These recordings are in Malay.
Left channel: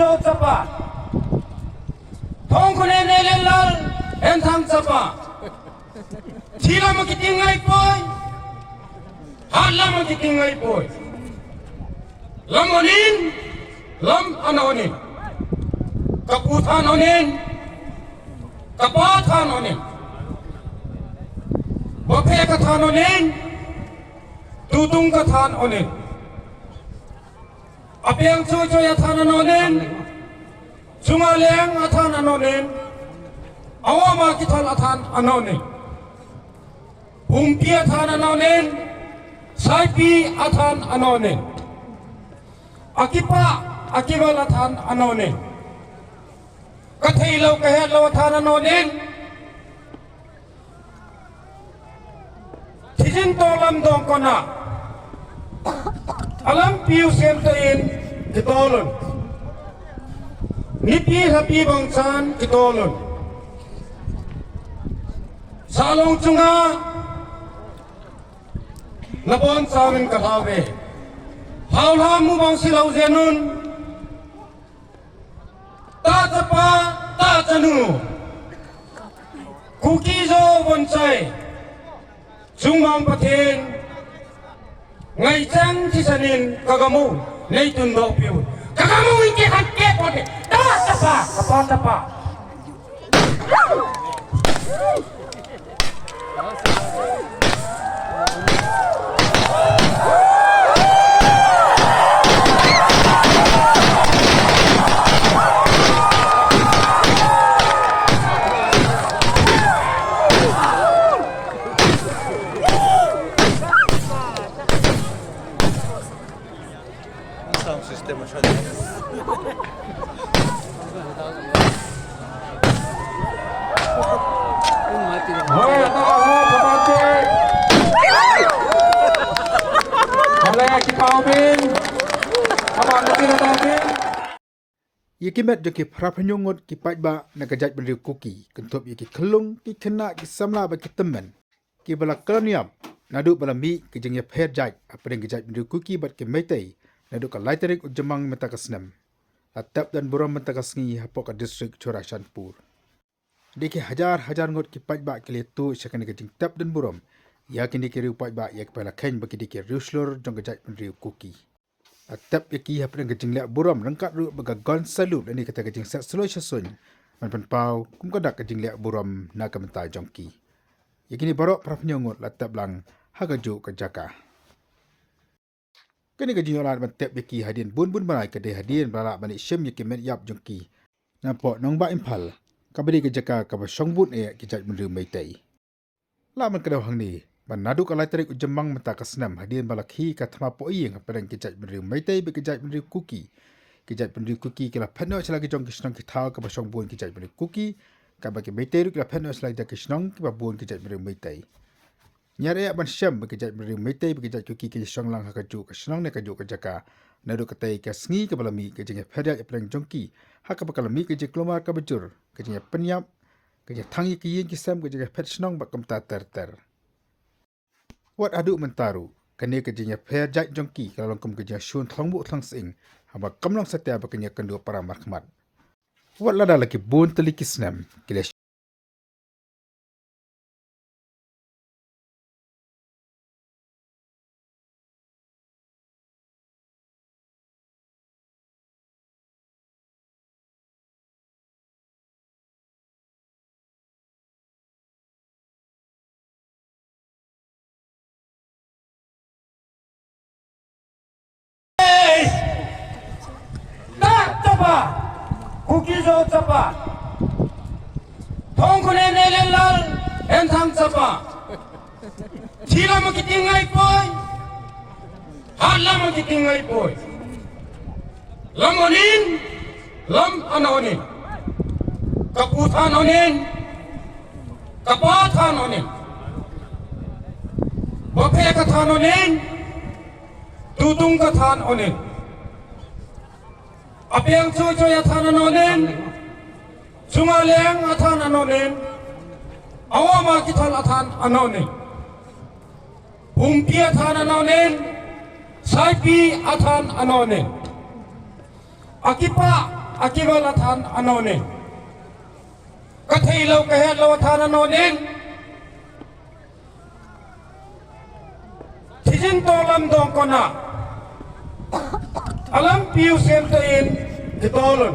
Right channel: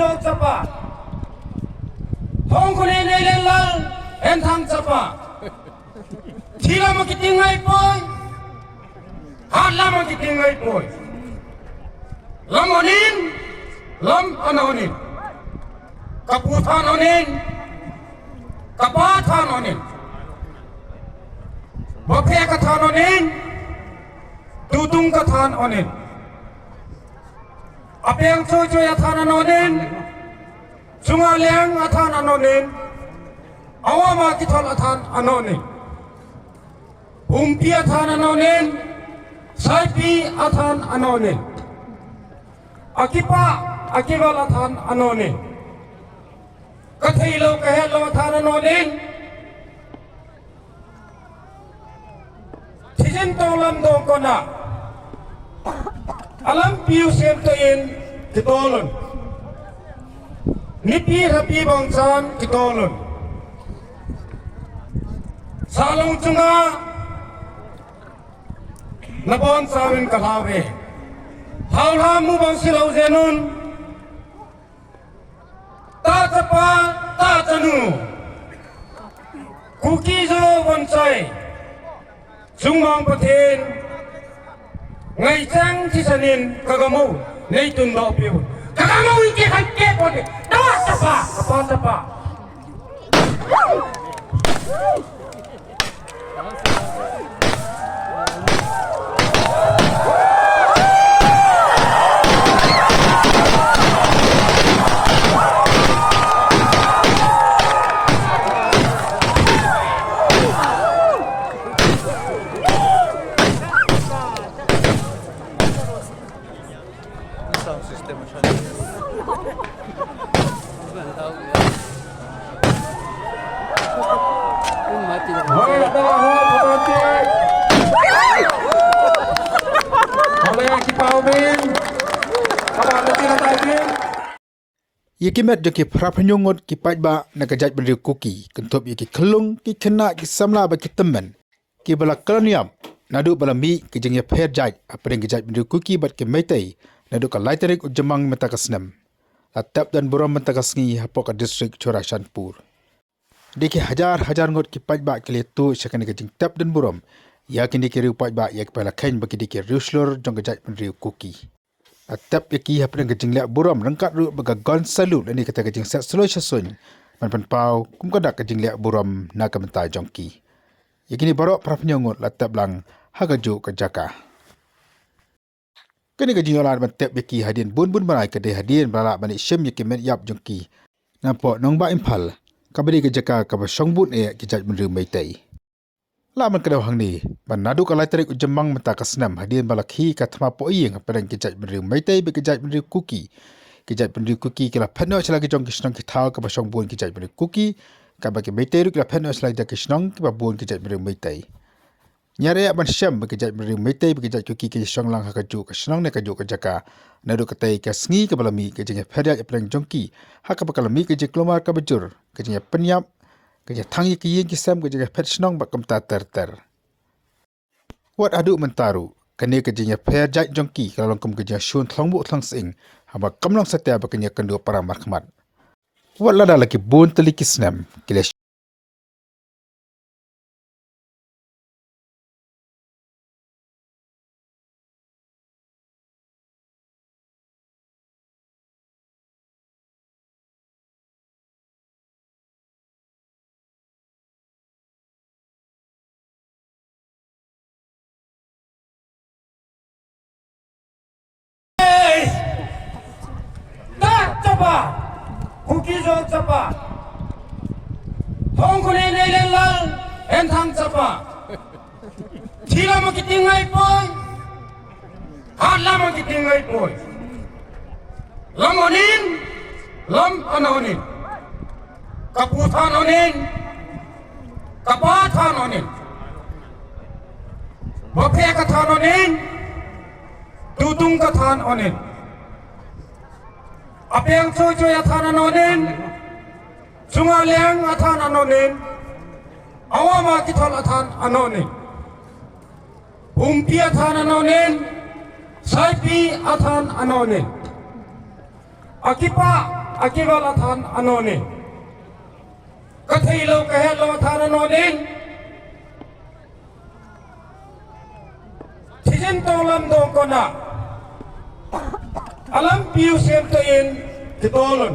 zo chapa thong khone ne len lal en thang chapa thila mo kitingai poi hala mo kitingai poi lamonin lam anonin kaputhan onin kapathan onin baphe kathan onin tutung kathan onin apeng choy choy athan anonin chungaleng athan anonin awama kithan athan anonin umpi athan anonin saipi athan anonin akipa akiwal athan anonin kathai lo kahe lo athan anonin thijin tolam dong kona alam piu semtain kitolon nipi happy bangsan kitolon salong chunga labon sawin kalawe haula mu bang silau zenon ta tapa ta tanu kuki zo bonsai chungmang pathen ngai chang thi sanin kagamu nei tun do piu kagamu ke hakke pode ta tapa kapa tapa sound system macam mati dah. Hoi Allah pemati. Boleh kita ubin. Apa nanti datang? Yakimat joki prapanyongot ki Paidbah na kajat bendri Kuki kentup yaki kelung ki kena ki samla ba ki temen ki bala koloniam nadu bala mi ki jengya pher jaj apring kajat bendri Kuki bat ki metai nadu ka laiterik ujamang mentakasnem atap dan buram mentakasngi hapok ka distrik Chorashanpur diki hajar ngot ki Paidbah ki letu syakani ka jeng tap dan buram yakin diki riu Paidbah yak pala kain bagi diki riuslor jong kajat bendri Kuki atap yaki hapdeng kejing lek buram rengkat ru bagagon salut ani kata kejing sat seloi sasun man pau kum kadak kejing lek buram na kamenta jongki yakini barok prapnyongot latap lang hagaju kejaka kini kejing olan matap yaki Hadien bun Bnai kedai Hadien balak bani syem yaki met yap jongki nampak nongba impal kabadi kejaka kabasong bun kejat menru meitai laman kedau hang ni manadu kalai tarik ujamang menta kasnam Hadien balakhi kathma po iyeng perang kejat menru meitai be kejat menru Kuki kejat menru Kuki kala phanno selagi jong kisnong kithau kabasong bun kejat menru Kuki kabaki meitai ru kala phanno selagi kisnong ki babun kejat menru meitai nyare ban syam be kejat menru meitai be kejat Kuki ke song lang hakaju kisnong ne kaju kejaka nadu katai kasngi kabalami kejanya phariat perang jongki hakabakalami kejak kelomar kabajur kejanya penyap kerja tangi ki kisam kerja pet senong bak kamta ter. Wat adu mentaru kene kerjanya per jat jongki kalau kum kerja shun thlongbu thlang sing haba kamlong satya baknya kendu para markhmat. Wat lada laki bun teli kisnam kile Kuki zo chapa thong khone ne len lal en thang chapa thila mo kitingai poi hala mo kitingai poi lamonin lam anonin kaputhan onin kapathan onin baphe kathan onin tutung kathan onin apeng choy choy athan anonin chungaleng athan anonin awama kithan athan anonin umpi athan anonin saipi athan anonin akipa akiwal athan anonin kathilo kahelo athan anonin thijin tolam dong kona alam piu sentain kitolun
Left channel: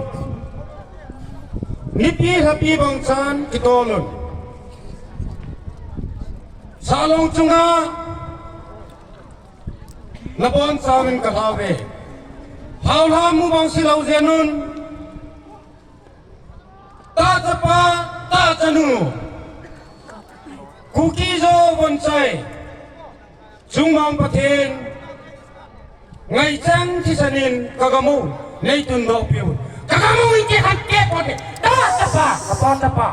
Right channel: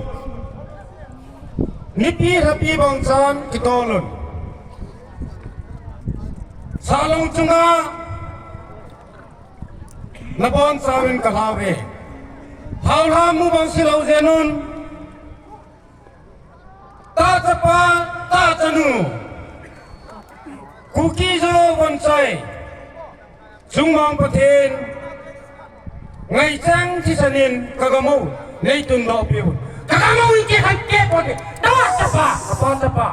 nipi hapi bangsan kitolun salong chunga Nabon sarin kalawe. Haulah mu bang silau zenun. Ta tapa ta tanu. Kuki jo bonsai. Jumang patin. Ngai chang thi sanin kagamu. Nei tun do piu. Kagamu ike hakke pode. Ta tapa kapa tapa.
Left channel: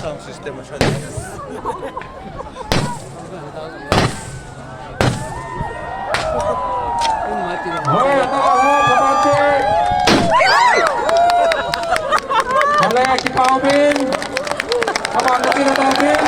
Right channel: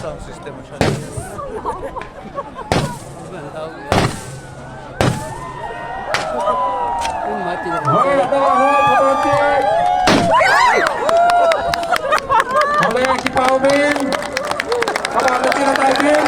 Sound system macam ni. Mati dah. Boleh kita ubin. Abang mungkin ada ubin.